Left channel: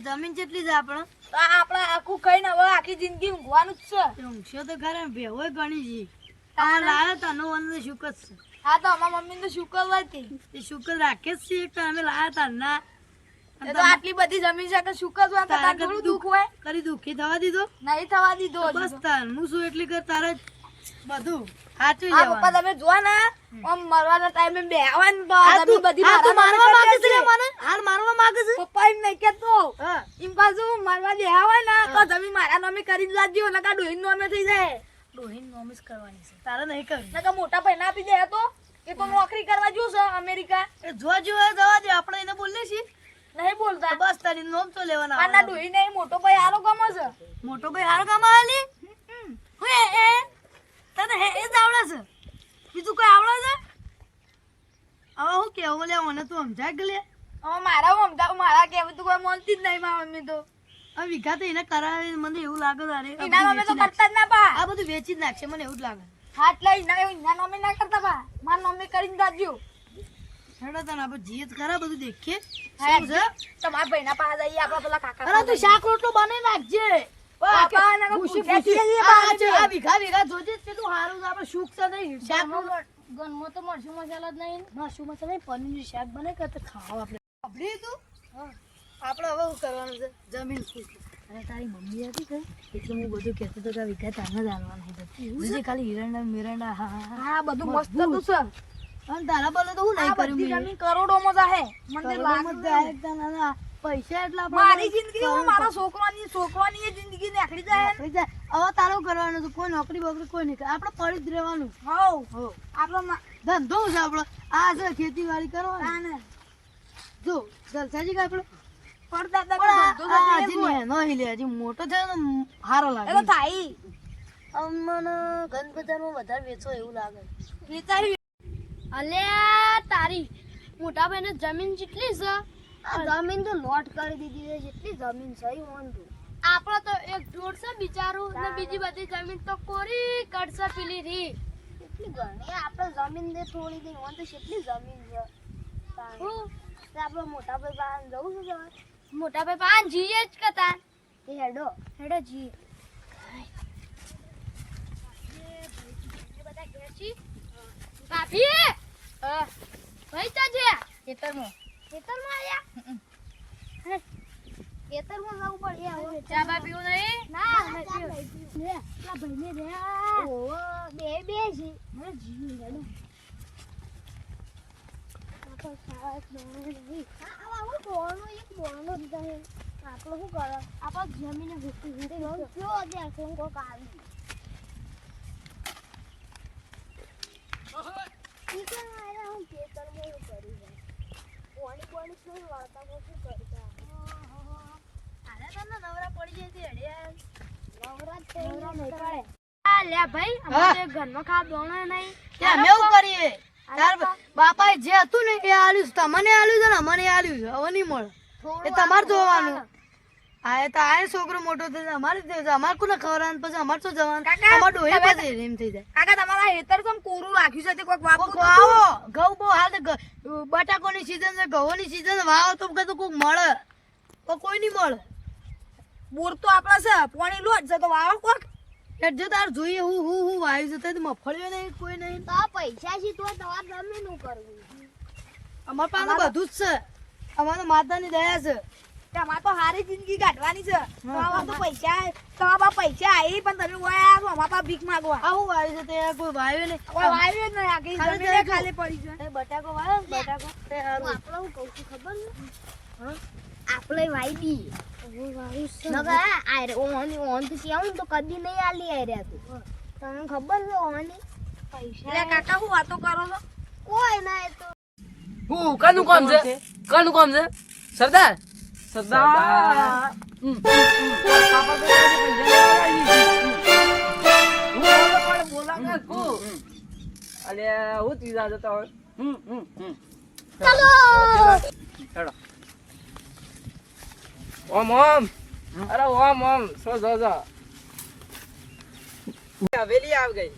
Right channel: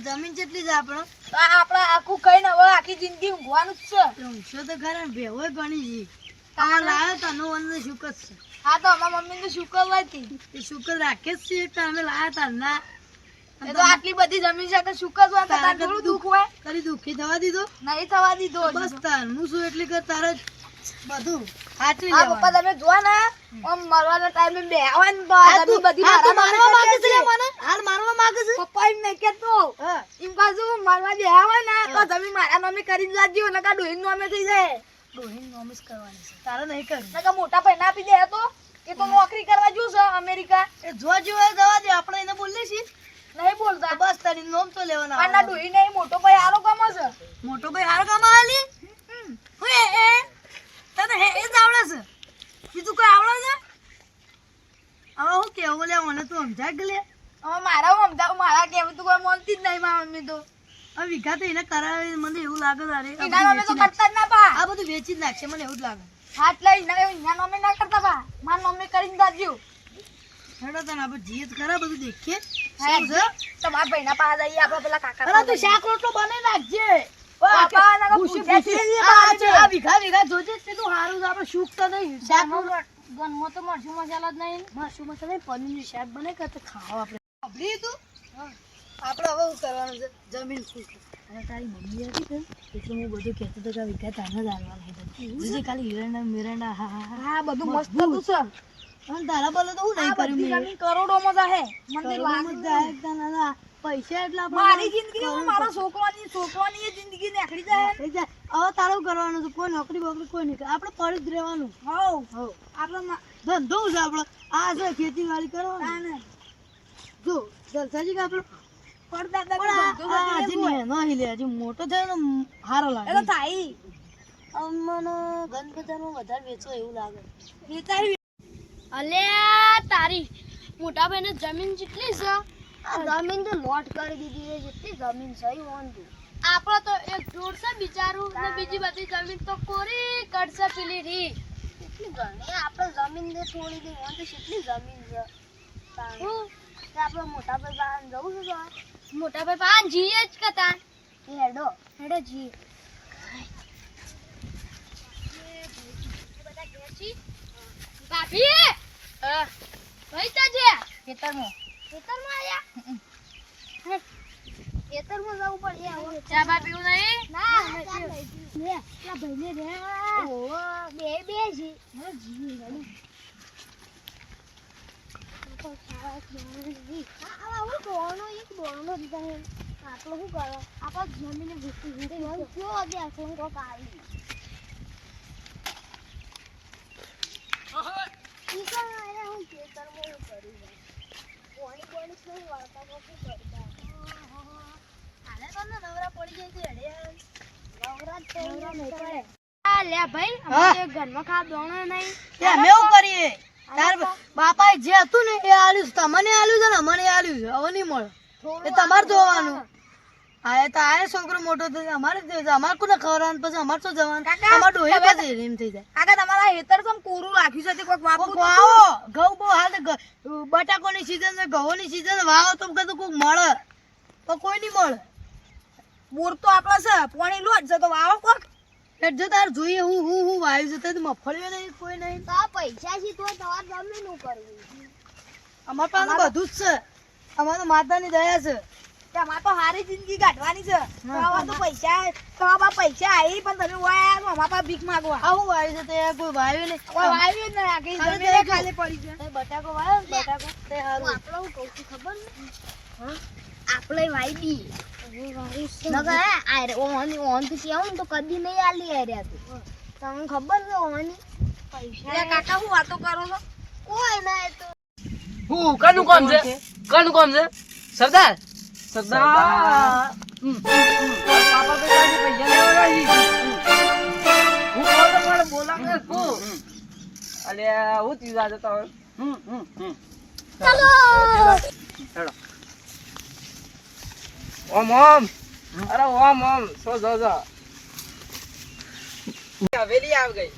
જમીન કેટલી છે આપણો? આપણે આખું કઈને હવે આખી જિંદગી ઊંઘવાનું જ છે. ઊંઘશો તો ખરા ને ભેવોય ઘણી છે. આ લાવ્યો તનો વનનો શુકર છે. હા તો અમારા મમ્મી તો શુકર લાવી એ શુકર રાખે જ છીએ કે અમે લાવ્યા તા ના. એ તો આટલી બધી જમીન છે તો શુકર હોય તો તારે થોડું દુઃખ હોય. કરી દુઃખી થવા દીધો? નહીં થવા દીધો. બસ તાર હું શું એટલી કર તારે બધું સાચવી આ પપ્પા લેવાનું. તમે જોવા ને આમ મરવાના ટાઈમે બે આવે ને તો આ તું- બધી આ તું મારવા માંગે છે છે. મને? હાલ મારવા માંગે છે? પપ્પા એમ નહીં કેતો હા. એમ પાછું મારવા દે આવે ને તો જમીન મારા નામે કરી લાવજો ને કા ડોહીન નામે થઈ જાય. ડોહીન નોમિસ કરવાની છે. તારે નહીં કરવી. ને કા મોટા પૈસા આપી દે તો એ તો નોકરી કરવા જો છે અમેરિકા. એ જો એ જવા દે આપણે એને બોલીએ છીએ. નહીં બોલતા. તો બસ તારી નોમ તો લેવાના આના ડોહી ને મોટો ભાઈ આરો ગમે છે. મોટો ભાઈ હાર કામ આલી હું એ તને એ જ આવડે છે બીજું કોઈ આવડે છે? હવે હું કેવું લે મને તું સમજાય કે લે હવે મારા કેવું તો કોઈ માનતી જ નહીં મારા મમ્મી તો. આ વિઘા તો એને કરાવે મને એવું લાગે તારે આ એના બધું નામે તો વેચી નાખશે. કરતા જ ના પા. આ બધું વેચી જ નાખશે મને એવું જ લાગે. હાથ લઈ એના નામે ના કરતા પા. મારા મમ્મી કરીને દાદજો. હેડો તને આપણે જઈએ જ ખરા બધું દેખીએ શું છે. તમારા ભાઈના પાસે જઈએ આપણે પેલા કાકા અરે તું શાક રોટલો બનાવી નાખજે. બાપા, એના તો ભૂસી- ભૂસ્યા ભૂસી. છીએ આ બાજુ. આ વિઘા જોજે જ તે તો હારું છે આપણે શુક તો નહીં શાક રોટલો ગનમાં તો મરચું મસાલા જ નહીં. માસું મસાલા પનીરનું શાક બને કે તો ખાવા આપણે સાંભળી તું આપણે હવે શું કરવાનું છે જમીન ખુશ હવે તારી મમ્મી હતી કે એટલે હું બધું કહેતો હતો કે આ વિઘા તાને જ આવવાનું છે બીજી ખાલી હિરંડા મિરંડા હા હા હા હા બધું મસ્ત હતું છે. અને તારા બોલે તો હું નહીં આ બધી કર્યું જમીન કરોડોમાં જાહે. મને લાગે પૈસા એટલા મારી જિંદગી હવે મારા છોકરાની એ જિંદગી નીકળી જાય. હવે તારું કરવાનું છે કોઈ નોકરી બોકરી કોઈ નહીં કરે આપણે પડી જ રહેવાનું હવ આપણે ધંધો છે આપણો આ છે ખેતીવાડી કરવાની તાને જો જલસાજી કે આપણો પડદાદા પણ નો ધંધો આ છે તે હજી હોય. નેનો હિલે હજી મોટો થયો ને હારો એ તો લાગે થાય. મને ગંજ બજારમાં વધારે વેચો એવું લાગે વેચારી અલ્યા તારી મોટા ભાઈને જમીન જેટલી છે જમીન તો લોટ કરી દીધી છે જેટલી જમીન છે એ વાંધો આપણો તો એક ઢોર છે બિચારું ને બીજી બધી જમીન તો કોરી કરશે પેલી રી એટલી ઘણી આપણે જમીન દે થોડી દે વાંધો કેટલી જમીન છે હું આપણે મોટા ભાઈ બહાર જવું છે મોટા ભાઈ પાન જીએ જ કતા એ હેડો હેડો જી ભાભી ભાઈ તા છે ખેતરમાં ખેતરમાં આયા ખેતરમાં જવું પડે ચા બા પીવું નહીં ના લે પેલા ભાઈને રે ઓહો બે છે હા જી હેડો આટલો શું કરો આપણે જમીને ઘૂસી જો દેખો કોક આવી હું ખેતરમાં એવું કરી પાણી પાણી નહીં વાળતા શું કરતા હાલે તને નવરા પડી જાય છે નવરા તો નહીં પડે આ લે ભાઈ અમારે ઘરમાં ખા દોણો નહીં અમે એવું કરીએ તાર બાપાએ જે હતું ને એ આલ્યું છે તમને આલ્યું છે ને મને આલ્યું છે હવે નહીં મળે એ તમારે જોવાનું આ તો આ છોકરો મોટો થશે અમારે જ છે અમારે કોને ખવડાવવાનું પછી અમારે શું જવાનું અમારે ડોહી પછી એમ થઈ જાય કાકા તમારા હેતર કેમ કોરું રાખ્યું છે તે કોઈક વાપરું કોક વાવો ઘઉં બહુ હાલ બટાકોની સીઝન છે ઘઉંની સીઝન વાવો તો કદું કોક મળે તો કોઈ નહીં મળે બોર તો આપણા છે પાણી લોટ છે તો વાવો કોક. એટલે જો તાર જોઈએ હું વાયુ છે તો મફળ્યો નહીં કોઈ નહીં તો પૈસા છે તો તમારે જમીન નું કરવું અમાર પાસે બધું જ છે અમારે માતાની દયા છે તમારે તો હારી જિંદગી કાઢવાની છે. તમારા તો તમારા પૈસા આવી પણ તમે વાયા આવો અમારા પાસે ભીખ માંગવા. આવું વાયુ છે તે કોઈ વાયુ નહીં કોઈ વાવ્યું જ નહીં આખી ખાલી જમીન તે ખાલી પડી છે. તે બટાકો વાયો ને બટાકો તે હારું આપણે હું કહું છું ખબર ને આપણે વાયદી નકર આરે ઓન થી કેવું તો કદી નહીં આલી આર્યા તું તમને ખબર છે ઓની એટલે કાકા હું વાતો કરો છો? કોઈ ના એ તો હું કનું કામ છે સરદાર સરદાર પાપા બેટા પૈસા લેવા હું પણ બોલા કે કો અલે હું તીજા જતા હોય ચાલો હેડો ઓમ ઓમ અરે ઓમ ઓમ સો જા હવેલી આવ ગઈ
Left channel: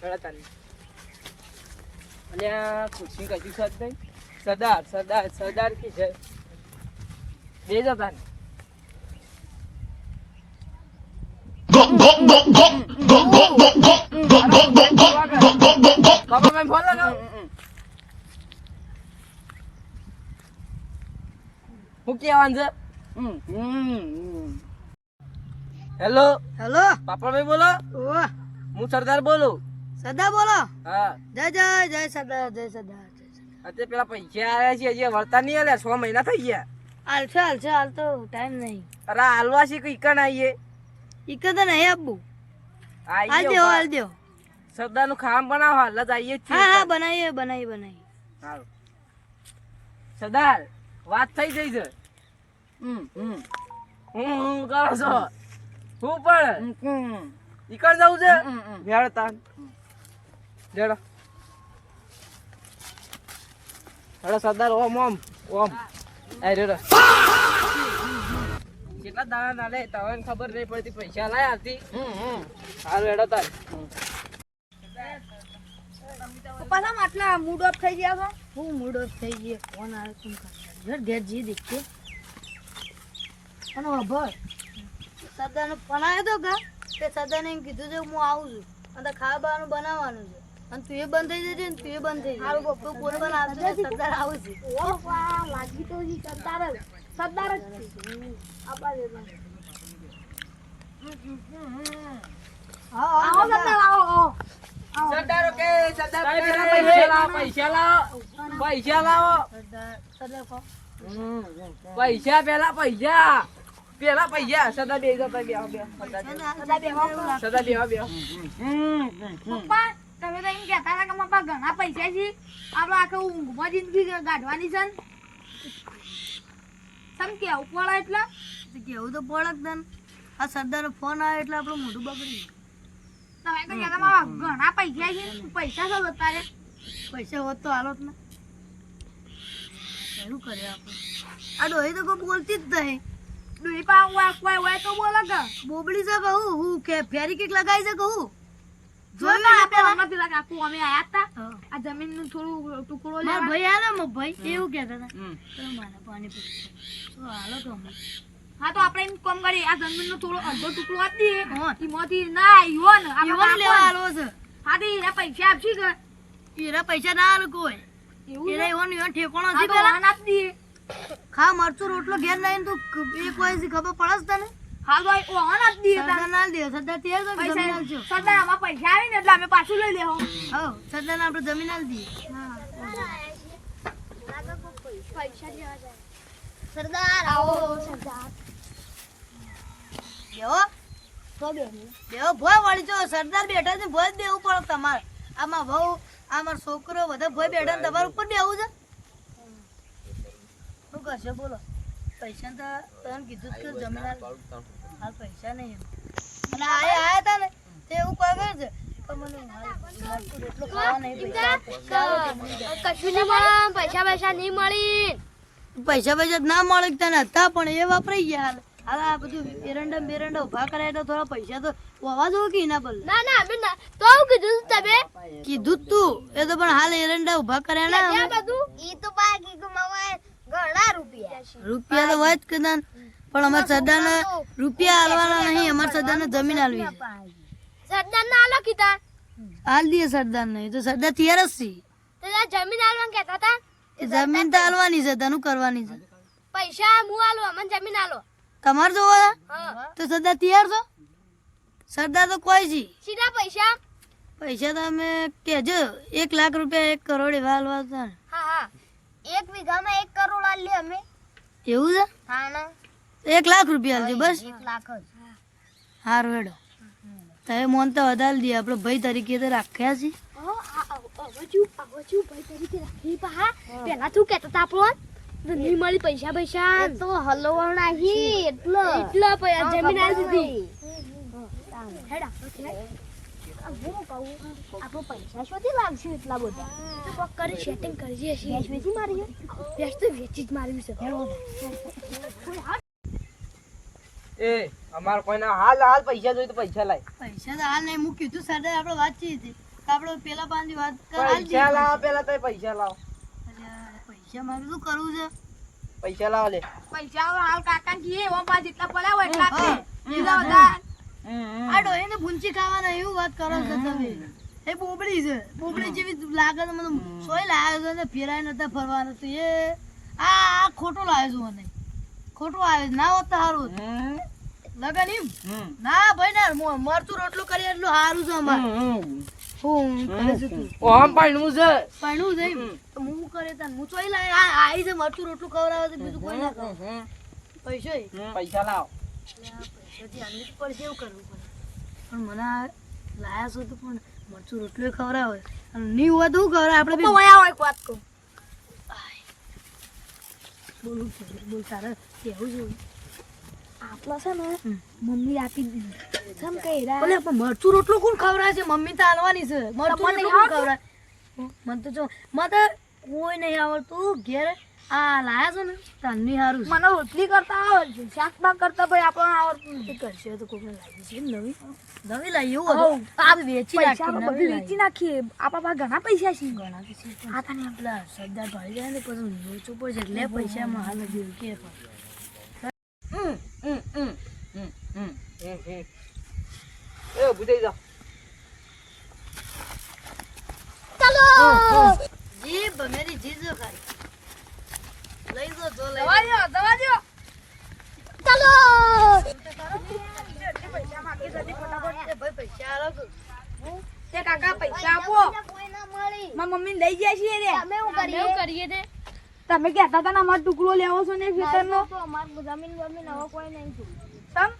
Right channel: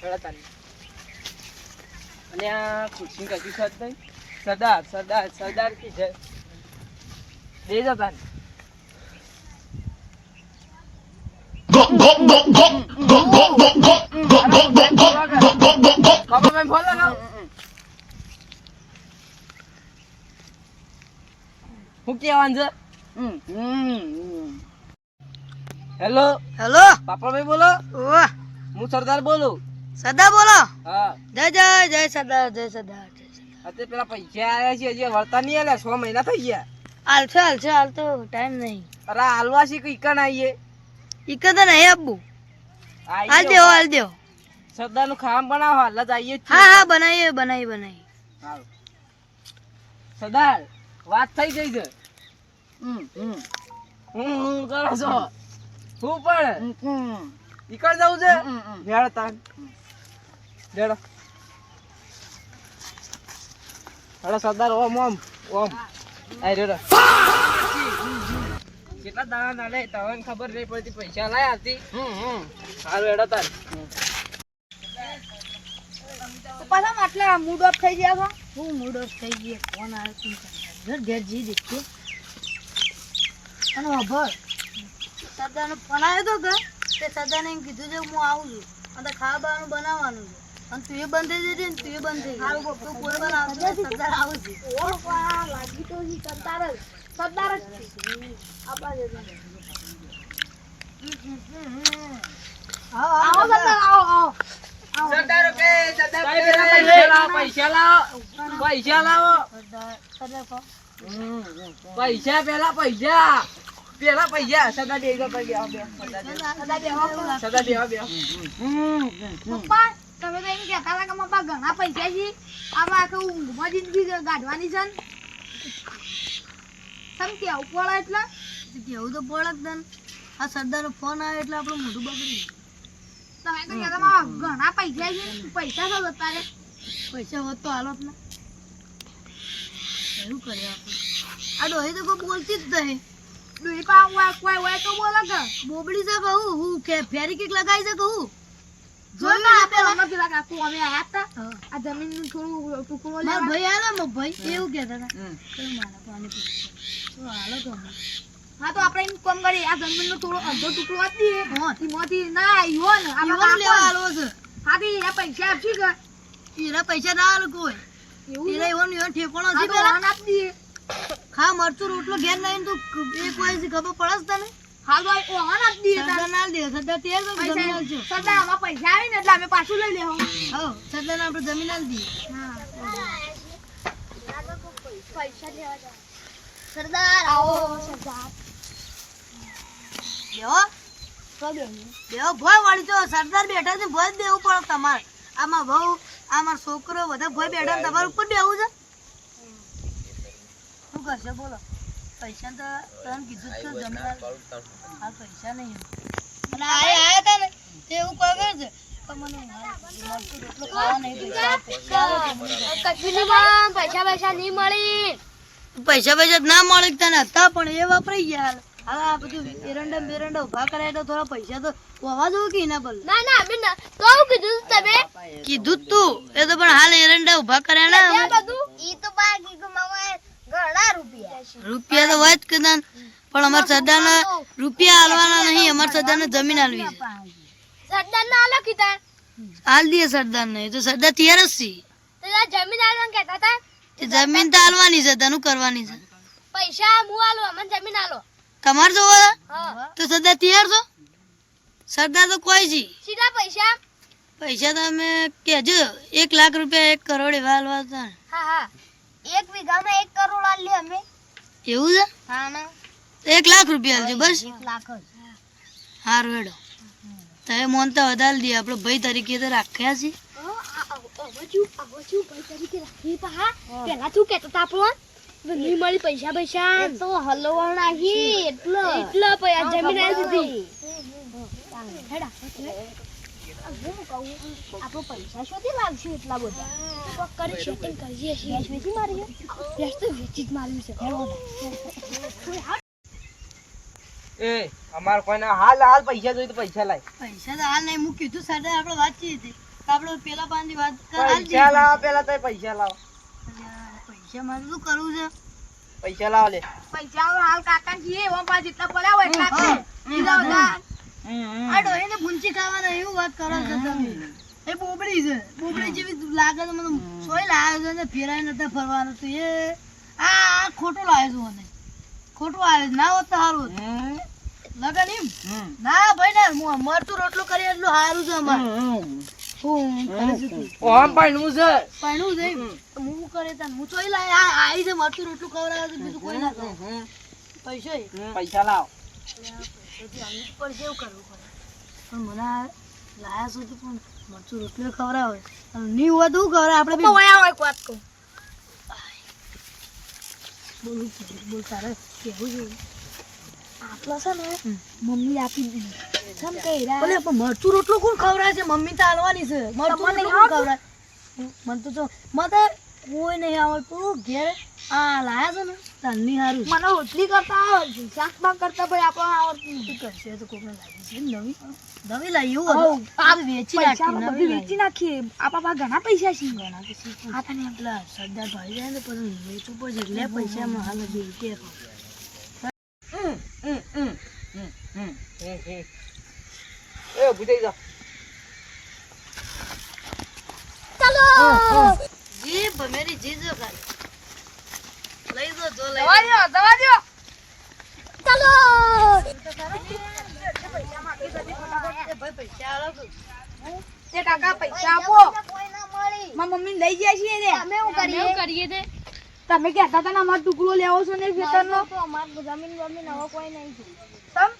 હેડો તાની અને આ ખુરશી કશું છે જ નહીં સરદાર સરદાર સરદાર કી છે બેજો તાન બાપા ફોન લગાવ હું કેવાનું છે હેલો હેલો પાપડભાઈ બોલો ઓહ હું સરદાર બોલું સદા બોલો હા જય જય જય સદા જય સદા અત્યારે પેલા પૈસા આવ્યા છે હજી વળતા નહીં આલ્યા 6 મહિના થઈ ગયા હાલશે હાલ તો ટાઈમ નહીં અરે હાલવા છે કે ઈકન આવીએ ઈકન તો નહીં આપવું હાલ દેવો સરદાર નું ખાવાનું બનાવો હાલ જ આવીએ જ હા હા બનાવીએ હાલ સરદાર વાત થઈ ગઈ છે કરો છો હું પણ ઈકન જવું છે મેળ તાન લેડો હેડો સરદાર ઓમ આઈ રેડો કેટલા દાણા નાલે તને ખબર નહીં પડતી પૈસા લાય આવતી હાલ હેડો તાર પાછા આટલા મૂડ ઓફ થઈ ગયા છો હું મૂડ ઓફ થઈ ગયો ફોન આવે ઘર ઘર જી દેખે અને ખબર સદાનો ફોન આવ્યો તો કે તે સદાને એમ કીધું છે હું આવું છું અને ખાવાનું બનાવવાનું છે અને તું એ બંધ થઈ જજે ને તું એ બંધ થઈ જાય તું કોઈ પણ આવશે સરદાર આવું છે ઓ વાહ લાગી તો જી સરદાર જ છે આપા દે આવો સરદાર આવો સરદાર કે સરદાર પૈસા લાવો સરદાર કહો પૈસા પેલા પૈસા સરદાર બે ગયો સરદાર બે પપ્પા તમે તો એમ કહેતા હતા કે મારા પાસે ઘણા પૈસા છે આમાં આખું ઊંઘમાં જિંદગી ગાઢવાની છે ને સમ કેવું પડે એટલે કેવું તો પડક તને આ સરદારનો ફોન આવે એટલે આપણું મોઢું બગડી તમે તો કહેતા મારા ઘણા પૈસા છે પૈસા શું અત્યારે પૈસા હોત તો હાલત ને શું કરે આપણે આ ડોહી તો કોઈ બોલતી જ નહીં ડુઈ પા કોઈ તો બોલે કે બોબડી છે કહું હું કે ફેરી કેક લગાવી છે કહું જોઈને આપણે હમણાં પેલા કાકુ અમે આયા હતા આ જમીનનું થોડું ટુકડો મારા લેવા ભાઈ આલે મારા ભાઈ એવું કહેતા હતા કે મારા પાણી પીવું તો હાલો તો અમે હા તો આપણે એમ કામ કરીએ આ જમીનનો થોડો અડધો ટુકડો આપી દઈએ હા. એમાંથી ના યુવાન યુવાનું લેવા આલવો છે હા તો એ પૈસા આપશી કે એના પૈસા ના આલે કોઈ એવું એના યુવાનું ઠેકોણો હા છે તો પેલા વાહન આપી દઈએ ખા મરચું રોટલો ઘેર લઈને તો એક વાય ખબર પડે તને હા ભાઈ વાહન આપી દઈએ સરદાર ના દે સરદાર તેર તો જમીન આલજો સરદાર આમાં પૈસા આવી ને એટલે અમે પાછું લઈ લેવું હો સરદાર ને આપણે જમીન આલ દઈએ સરદાર આવો સરદાર બેહો ભોય વાળી તો સરદાર બેઠા છે ભોય જ દેવું પડે તમારે આમાં વહુ આમાં છોકરો બધા ભોય બેઠા ને તમારે ઉપર બેવું છે શું કરશે બોલો પૈસા તો તને કીધું જ કે જમીન હાલ પૈસા નહીં અને આયા હતા ને તે એવું કોઈ કરે છે કે મને મરચું રોટલો ખાવા નહીં પૈસા કશું નહીં મળે પૈસા નહીં મળી પૈસા ના મળે તને હતા પણ એ વાપરાઈ ગયા હાલ હવે આ બધું બેરંડા ઉભા કરાય તો થોડા પૈસા તો હોવા દો કે ના બોલ ના અમે કહું કીધું તમે કીધું જ તું એ તો પણ હાલ એરંડા ઉભા કર્યા ને બધું ઈ તો બાકી ગુમાવે ઘણા રૂપિયા તો હોય જ કદાચ પણ અમાર સરદારને રૂપિયા હાલવાના નહીં અમાર સરદારને જમીન હાલવી છે સરદાર ના આલો કીધા હાલ દઈએ સરદારને એ તો સરદાર તૈયાર જ છે તો જમીન આલવાનું કહેતા હતા એ જમીન તો હાલવાની છે તને કરવાની છે પૈસા હું આલો અમને જમીન આલો તમારે જોવો છે? હા તો સરદાર તૈયાર છો સરદાર તો કોઈ છે સીધા પૈસા પૈસા તમે કહેજો 1 લાખ રૂપિયા 1 કરોડ એવા હાલવા હતા હા 1 વીઘામાં 1 કરોડ આલી અમે એવું છે હા ના 1 લાખ રૂપિયા હાલજો બસ 1 લાખ જ સારું હેડો તમે મોનતા વધારે દઈએ આપણે ભાઈ તરીકે તો રાખ્યા છે પેલા તું કેતો તા આપણો નહીં મળી પૈસા તો હલવાણ આવી એટલો જમીન આવી દીધી હું કહું આપણો પૈસા શોધી લાવશું એટલા બધા કરી સેટિંગ કરીએ છીએ વેચી મારી વેચ તો વેચી જ માર્યું છે એ અમાર કોઈના હાલ પૈસા જોઈએ તો પૈસા લાય પૈસા તો હાલ નહીં હું કીધું સરદાર આપણે વાતચીત હતી આપણે પેલા પાનની વાત હાલ પૈસા લાવો પેલા તો પૈસા લાવો પૈસા મારે શું કરવું છે પૈસા લાવ લે. પૈસા હવે હાલ કાકા જીએ ઓમ પાછ જેટલા પડ્યા હોય એટલા આપે. બીજા બધા આ ડોહીને ભૂંચી ખાવાના એવું વાત કરો છો તમે. એ બોબડી છે. બોબડી જેવી લાગે છે મને. સોય લાવ્યો છે ને ફેરાય નતા ફરવાનું તો એ આ ખોટું લાવ્યો છું મને. ખોટું આવે છે. ના હોત તો સારું હતું. લગન એમ ના ભાઈ ના મરચું રોટલું કરી એટલું સારું છે અમારે. હું કરે છે તું? ઓમ પાણું છે. પરણું છે એમ? તો હું કરે તાન હું ચોઈ લાય આ આઈ છે મરચું રોટલું ખવડાવે છે બીજું કોઈ ના ખવડાવે. પૈસો પૈસા લાવ. પછી આની પર કેવું કરવું પડે પણ મને આ લાયા છો તો પણ મરચું રોટલું ખવડાવે અને નહીં હોય તો શું ખવડાવે આપણે તો વયા હોય એક વાત કહું. બોલું બોલ તારે કેવું જોઈએ આટલો છે ને મમ્મી આપી દીધી કેમ કે ભલે પણ મરચું રોટલું કોણ ખવડાવે છે મમ્મી તો હાલવાની છે મરચું રોટલું કોણ ખવડાવે મને તો જો મને તો કોઈ નહીં આવડતું ઘેર આ લાયા છે ને તારની સારું મને રોટલી કરતા આવે છે શાક બાક કરતા ભાઈ આપણને આવડતું નથી. કરશે તો કોઈને લાગી છે નવી નવી લાવી એવું હતું આ વેચી પૈસા નાખી બધું વેચી નાખીએ આપણા પાસે ઘણા પૈસા છે. ઘણા પછી આ તને પેલા સરદાર ભાઈ જાય ને પછી વેચવું પડશે એટલે પૈસામાં હાલ જ કે એ બુધાઈ જા. જી ભમેરી જી જો ખાલી લઈ જો જો લઈ દવા દ્યો, દવા દ્યો. પૈસા માંગી જતી ફટાફટ. એ ભાઈ પૈસા આલો તો એ કાકા પૈસા આપો. કોઈ ના મળી મારા મમ્મી લઈ જાય છે રે. અમે શું કરીએ તે તમે કહેતા હતા ને અમારો ટુકડો લેવો છો ને ખેતરનો. તો અમાર જમીન બમીન હવે કોઈ નહીં છે તમ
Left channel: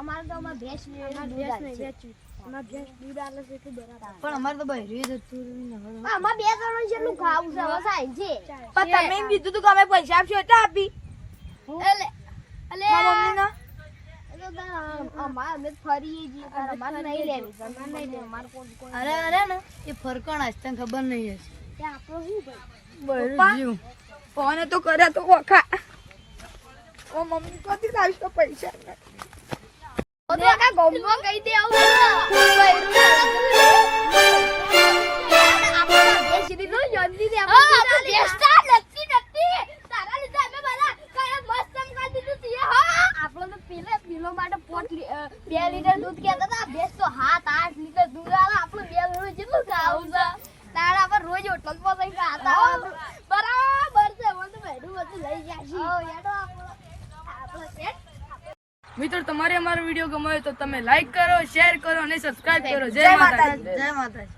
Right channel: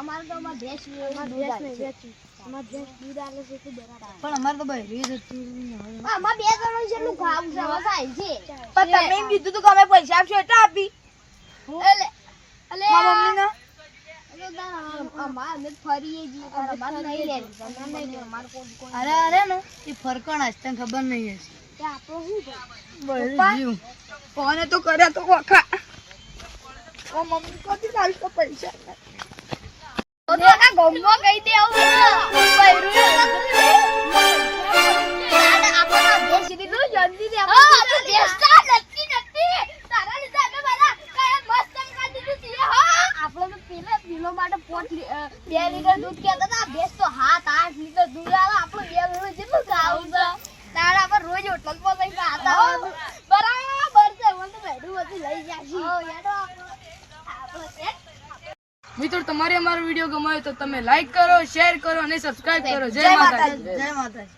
અમારે તો અમાર ભેંસ દૂધ આલે છે અમાર ભેંસ દૂધ આલે છે તો બરાબર પણ અમારે તો ભાઈ રીત હતી અમાર બે જણો જેટલું ખાવું છે હવે સાહેબ છે પણ તમે એમ કીધું તું કે અમે પૈસા આપશો એટલે આપી. એટલે એટલે મારા મમ્મીના અમાર અમે ફરીએ છીએ પણ અમારે નહીં લેવી જમીન નહીં લેવી અમારે કોઈ અરે અરે ને એ ફરકણ આજ તને ખબર નહીં હશે તે આપણો શું ભાઈ બસ જીવ કોને તો કર્યા તો વખા. ઓ મમ્મી કોથી કાઢી તો પૈસા. કાકા ગોમમાં કહી દે આવું દૂધ કેતા હતા ભેંસ તો 7-8 લીટર દૂધ આવે આપણું 2 લીટર જેટલું ખાવું છે તારા પર રોજ હોટલ પર લઈ ખાતા બરાબર છે મને તો બેડું બધું લઈ જાશી આપણે મિત્રો તમારે અમારો વિડીયો ગમ્યો તો તમે લાઈક કરો, શેર કરો અને સબસ્ક્રાઇબ કરો. જય માતાજી જય માતાજી